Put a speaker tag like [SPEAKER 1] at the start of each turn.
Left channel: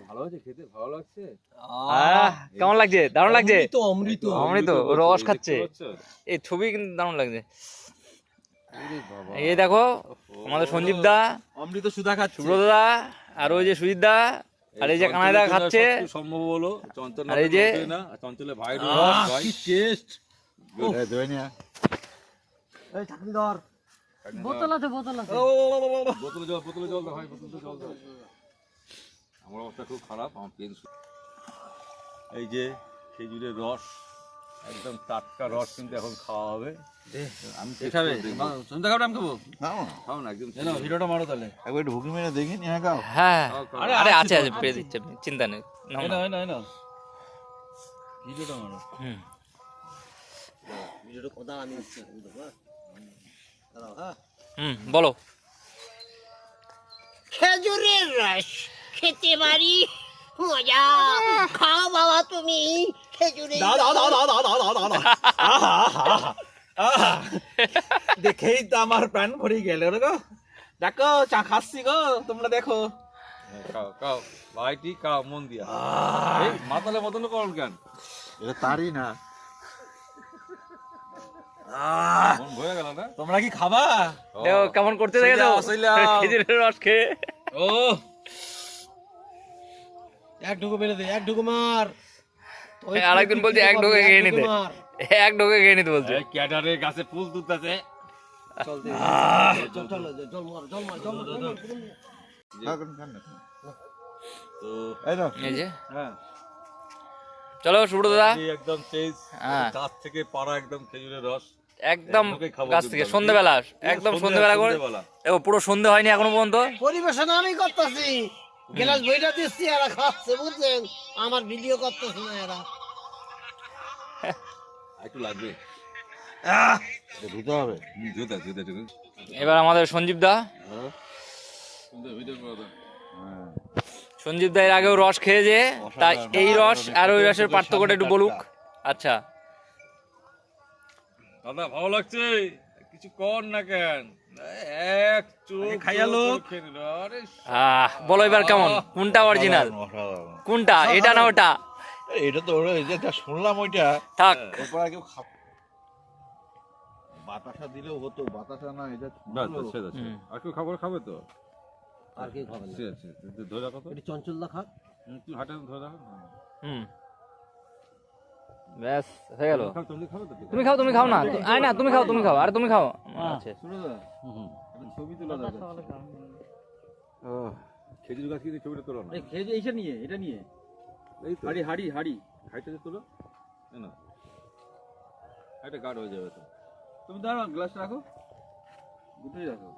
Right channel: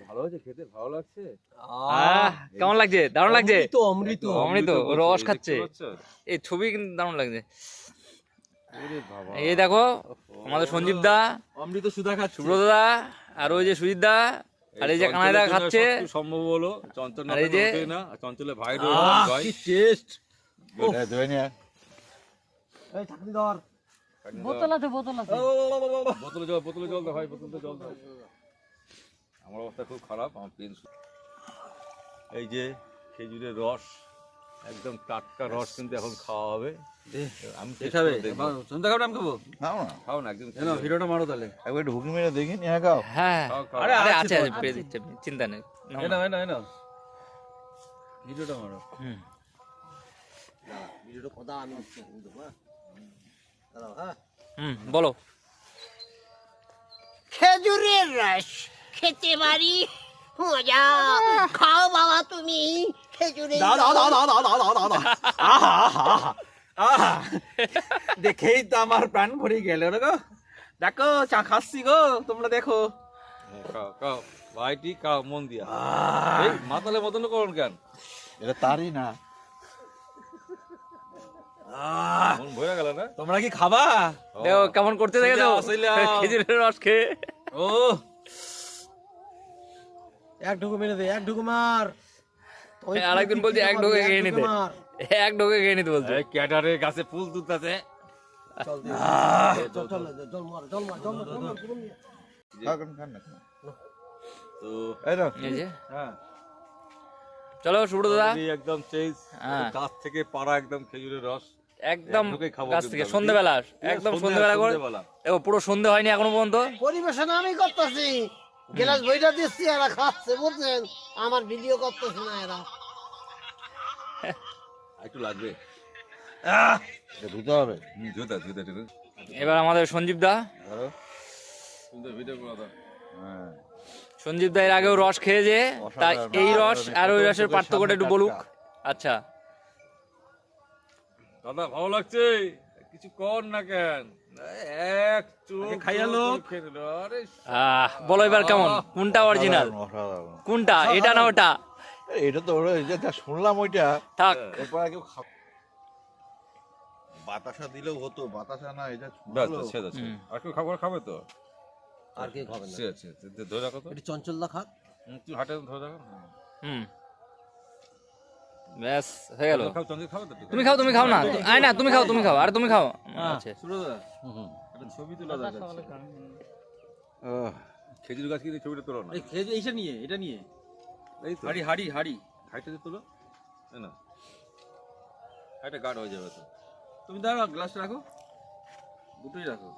[SPEAKER 1] ভালো হয়েছে খেতে ভালো লাগছে
[SPEAKER 2] আহ কেমন লাগছে দারুণ লাগছে
[SPEAKER 3] অমৃত অমৃত
[SPEAKER 2] অমৃত রস খাচ্ছে এই ছবি কিন্তু দারুণ লাগছে এই দেখো আমাদের সঞ্জীব দা
[SPEAKER 3] অমৃত সুধা খাচ্ছে
[SPEAKER 2] সুব্রত দা আর ওই যে সুজিত দা আর এই যে কানাই দা খাচ্ছে
[SPEAKER 1] সম্ভব হলো চঞ্চল
[SPEAKER 2] আর এই যে-
[SPEAKER 1] চঞ্চলে ভাই ভাই
[SPEAKER 3] কি টেস্ট
[SPEAKER 1] ধরে নিয়ে
[SPEAKER 3] এই চাকরি ধর
[SPEAKER 4] বোতল আছে বোতল আছে
[SPEAKER 1] বোতলে জল বোতলে জল দাও ভাই বোতলে জল দাও আমার অবস্থা খুব খারাপ আমার পেন এই যে খেজুরের রস একদম টাটকা রস কিন্তু এখন খাওয়া হবে। আমি
[SPEAKER 3] খাবে?
[SPEAKER 1] দেখব।
[SPEAKER 3] সন্ধ্যা খাবে আমি খাব?
[SPEAKER 1] খাও না। একদম
[SPEAKER 3] জানো ভিডিওটা মারো তাহলে।
[SPEAKER 5] একবার মেরে দেখি নিয়ে খাও।
[SPEAKER 2] হ্যাঁ
[SPEAKER 1] খাও।
[SPEAKER 2] আরে আছে আছে পেয়ে দিচ্ছে চিন্তা নেই না।
[SPEAKER 3] নাও ভিডিওটা মারো।
[SPEAKER 2] হুম।
[SPEAKER 3] ভিডিওটা কথা আমি হ্যাঁ?
[SPEAKER 2] হুম বলো।
[SPEAKER 4] খেজুরের রস। খেতে পারি। মজা। খাও বাবা তুমি খেজুরের
[SPEAKER 3] দাও দাও দাও দাও দাও দাও দাও দাও। দাও আহা আহা আহা। দেখেই তো আমার প্রাণ ভরে গেল রে গো। দেখো চা খাচ্ছি গো তোমরা দেখো।
[SPEAKER 1] খাও ভাইটি খাও মন দিয়া। এই মাতালে মতন করুন কেন?
[SPEAKER 5] এটা তারই না।
[SPEAKER 1] মন
[SPEAKER 3] তোমরা কি খাবা?
[SPEAKER 2] দেখো কেমন করতে দেখেছ। খেজুরের রস খেয়ে।
[SPEAKER 3] ও এক মেরে দে এক মার।
[SPEAKER 2] আরেকজন বলছে এক নিতে। এক নিতে বলছে।
[SPEAKER 1] গাছে ফুল
[SPEAKER 3] চলো
[SPEAKER 2] সুব্রত
[SPEAKER 1] দাদা একদম গাছ
[SPEAKER 2] হ্যাঁ।
[SPEAKER 1] থেকে পাড়া একদম খেজুরের রস
[SPEAKER 2] একদম গাছ থেকে সন্ধ্যেবেলা। একদম সন্ধ্যেবেলা করে। পুরো সন্ধে হয়নি এখনও পর্যন্ত?
[SPEAKER 4] পরিবেশন আমি করতেছি। গ্লাস বইটা দিচ্ছি এরা খাচ্ছে বুঝছেন? আমার ভিডিও করতেছে না এরা।
[SPEAKER 1] একটু লাগবে।
[SPEAKER 5] ধুতে হবে।
[SPEAKER 2] এবার আমাদের সঞ্জীব দা।
[SPEAKER 5] হ্যাঁ?
[SPEAKER 2] সঞ্জীব দা এর আগেও রস খেয়েছে তাই
[SPEAKER 5] অসাধারণ।
[SPEAKER 2] এই রস আর ওই রসের পার্থক্যটা একটু বলুক। আচ্ছা।
[SPEAKER 1] দাদা ভালো লাগছে? কিছু কর না কেন? এক চোখ
[SPEAKER 3] খাইয়া লোক।
[SPEAKER 1] খেয়ে নিল আরে
[SPEAKER 2] আহ বলো এবার কেমন? কোনটা অরিজিনাল। কোনটা? এটা না ওটা?
[SPEAKER 5] এটা তো ওরা এই যে যা শুনলাম ওইটা
[SPEAKER 2] থাক।
[SPEAKER 5] বাতাসা দিলেও হতো বাতাসা না এটা
[SPEAKER 1] বাস। আছে আর কেউ খাবার খাবে তো?
[SPEAKER 3] আর কে খাবে না।
[SPEAKER 1] ধরে রাখো তো।
[SPEAKER 3] এটা চঞ্চল দা খাক।
[SPEAKER 1] তুই হাটে ধরে রাখো।
[SPEAKER 2] হুম। ব্যাস হয়ে গেল। তুমি খাও তুমি খাও না। আয় না তুমি খাও তুমি খাও আর তুমি খাও। আচ্ছা
[SPEAKER 1] একটা ছবি তোলা খেজুর গাছ কিন্তু ছবিটা তোলো না।
[SPEAKER 3] এই খেয়ে এইটা নিয়ে এটা নিয়ে।
[SPEAKER 1] এই
[SPEAKER 3] হাড়ি হাড়ি হাড়ি।
[SPEAKER 1] হাইটে তো তুলো। তাই না। হাইটে গাঢ় হয়ে যাবে তো।
[SPEAKER 3] তুমি দাও গ্লাস রাখো। দুটোই রাখো।